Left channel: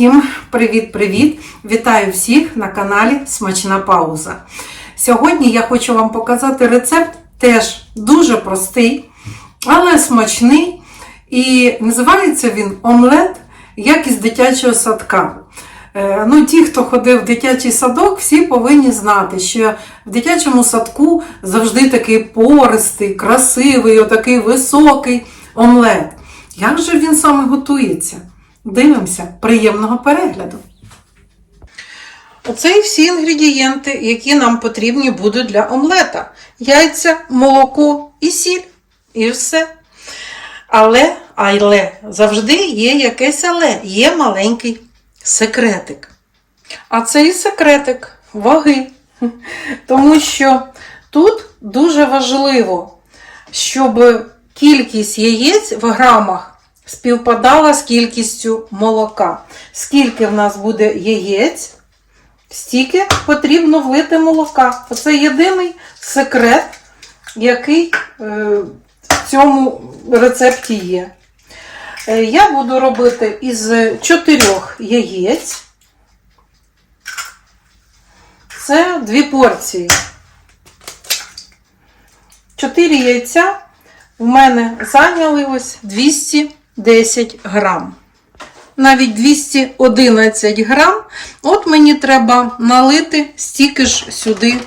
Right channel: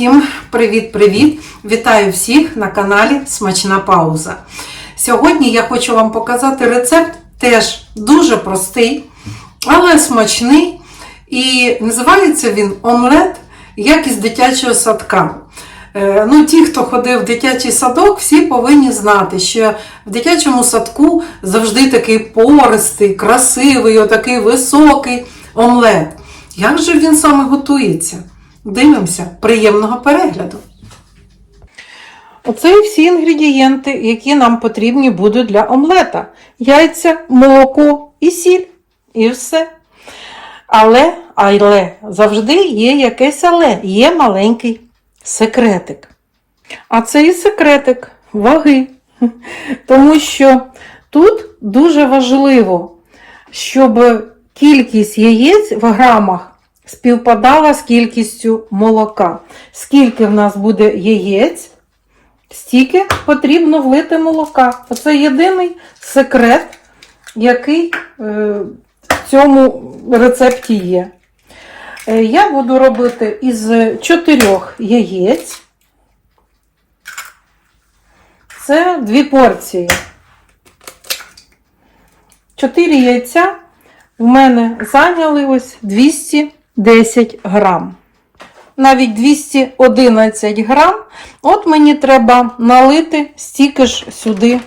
Всім привіт-привіт! Вітаю всіх на каналі Смачна Пауза. Сьогодні я хочу вам показати рецепт, теж дуже простий, але смачний. І називається він омлет, як із дитячого садка. Е, Ну, ті, хто ходив в дитячий садок, всі повинні знати, що в дитячому садку завжди такий пористий, красивий, отакий високий омлет. Як же він саме готується? Дивимося, приємного перегляду. Оце і всі інгредієнти, які нам потрібні будуть для омлета: яйця, молоко і сіль. І все. Але, але завжди є якесь але, є маленький секретик. А це і секретик ваги. Тому що тут дуже важливо, щоб кількість яєць в грамах співпадала з кількістю молока. Скільки в нас буде яєць, стільки потрібно влити молока. Оце єдиний секрет, який е, в цьому рецепті є. Е, Я буду робити із чотирьох яєць. Це дві порції. Чотири яйця в мене зайняли ось 210 грам. Навіть 211 грам. От мені треба налити стільки ж сюди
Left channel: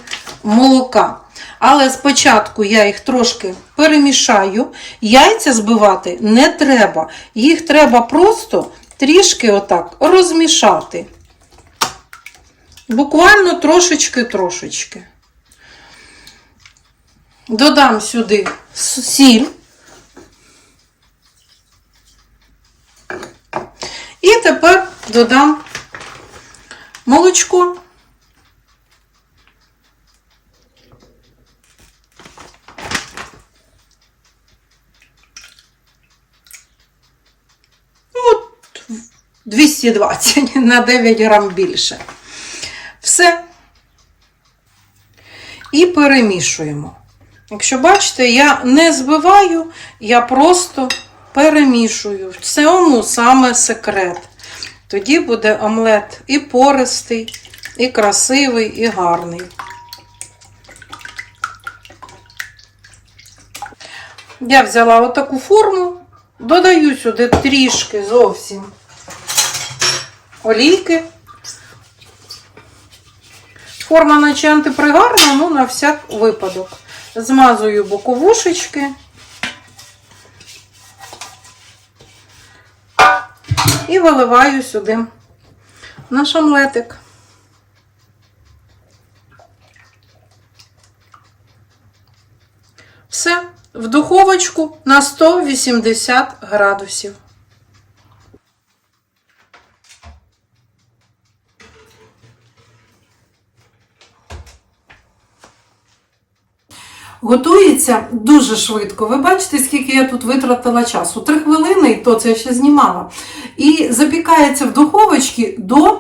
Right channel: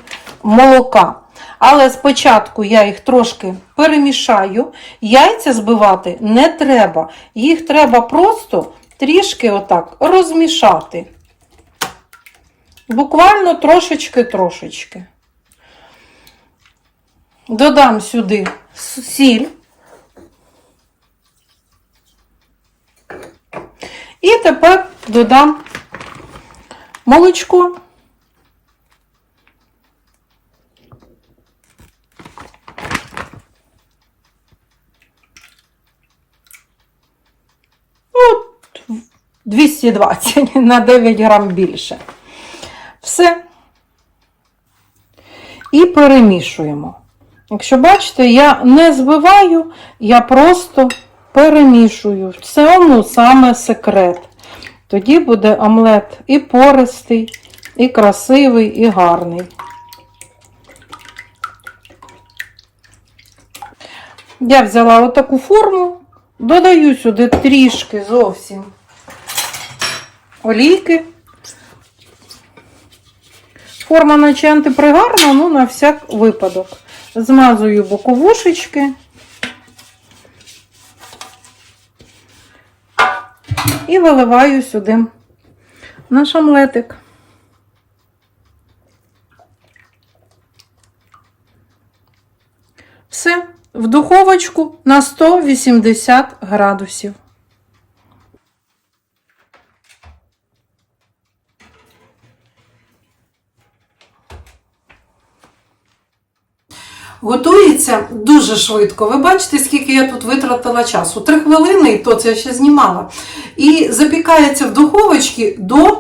молока. Але спочатку я їх трошки перемішаю. Яйця збивати не треба. Їх треба просто трішки отак розмішати. Буквально трошечки-трошечки. Додам сюди сіль. І тепер додам молочко. От 220 на 9 грам більше. Все. І перемішуємо. Якщо бачите, я не збиваю, я просто перемішую. В цьому саме секрет. Тоді буде омлет і пористий, і красивий, і гарний. Я взяла отаку форму, додаю сюди трішки зовсім олійки. Форма наче антипригарна, ну на всяк випадок. Змазую боковушечки. І виливаю сюди наш омлетик. Все, в духовочку на 180 градусів. Готується дуже швидко. Ви бачите, скільки я тут витратила часу? Три хвилини, і то це я ще знімала. І запікається в духовочці до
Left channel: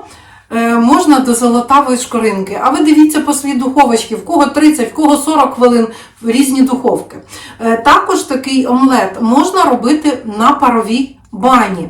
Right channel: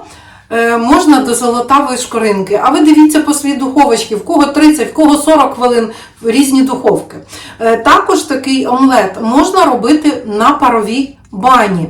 е, можна до золотавої шкоринки. А ви дивіться по своїй духовочці, в кого 30, в кого 40 хвилин в різні духовки. Е, також такий омлет можна робити на паровій бані.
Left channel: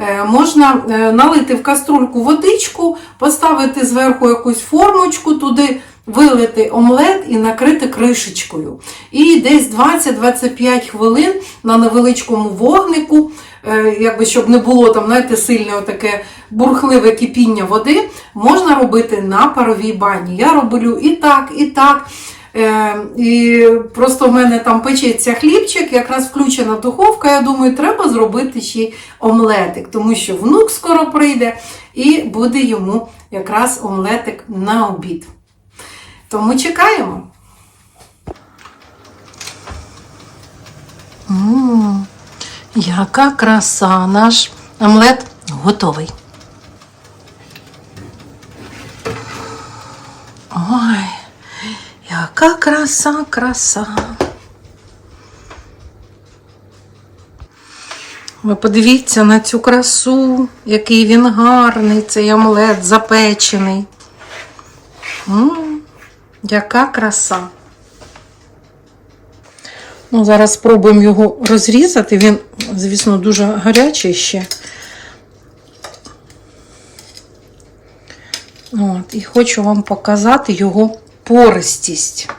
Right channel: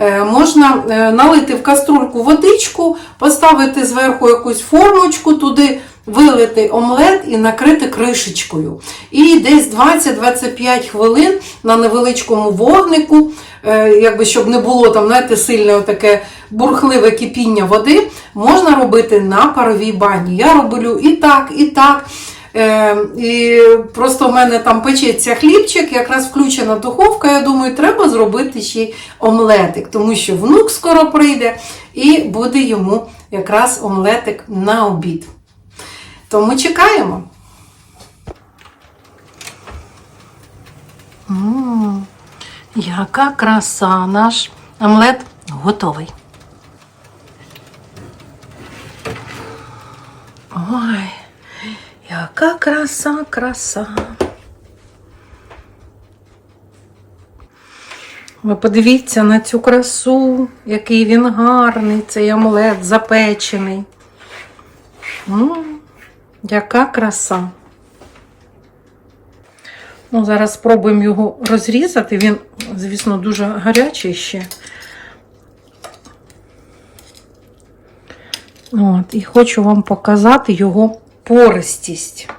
Е, Можна налити в каструльку водичку, поставити зверху якусь формочку, туди вилити омлет і накрити кришечкою. І десь 20-25 хвилин на невеличкому вогнику, е, якби щоб не було там, знаєте, сильне таке бурхливе кипіння води, можна робити на паровій бані. Я роблю і так, і так. Е, і просто в мене там печеться хлібчик, якраз включена духовка. Я думаю, треба зробити ще й омлетик, тому що внук скоро прийде і буде йому якраз омлетик на обід. Тому чекаємо. М, яка краса! Наш омлет готовий. Ой, яка краса, краса. Ви подивіться на цю красу, який він гарний, цей омлет запечений. М, яка краса. Ну, зараз спробуємо його розрізати. Він, звісно, дуже гарячий ще. От, і хочу вам показати його пористість.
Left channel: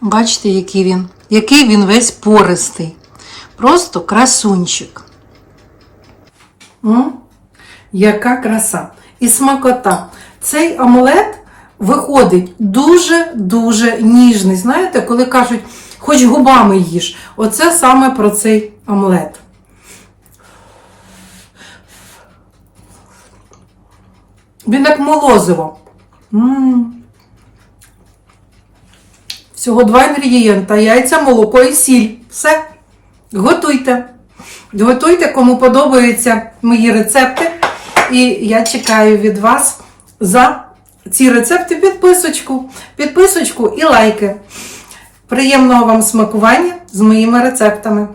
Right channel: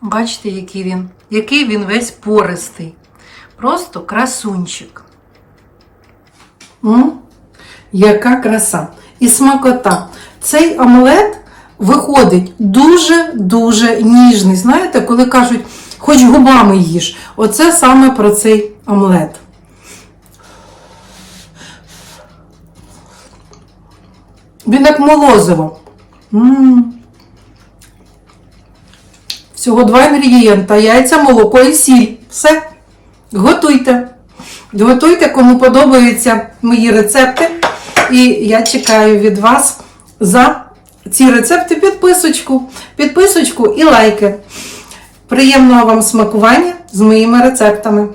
Бачите, який він, який він весь пористий. Просто красунчик. М? Яка краса. І смакота. Цей омлет виходить дуже-дуже ніжний. Знаєте, коли кажуть, хоч губами їж. Оце саме про цей омлет. Він як молозиво. М. Всього два інгредієнта: яйця, молоко і сіль. Все. Готуйте. Готуйте, кому подобаються мої рецепти. І я чекаю від вас за ці рецепти підписочку, підписочку і лайки. Приємного вам смакування з моїми рецептами.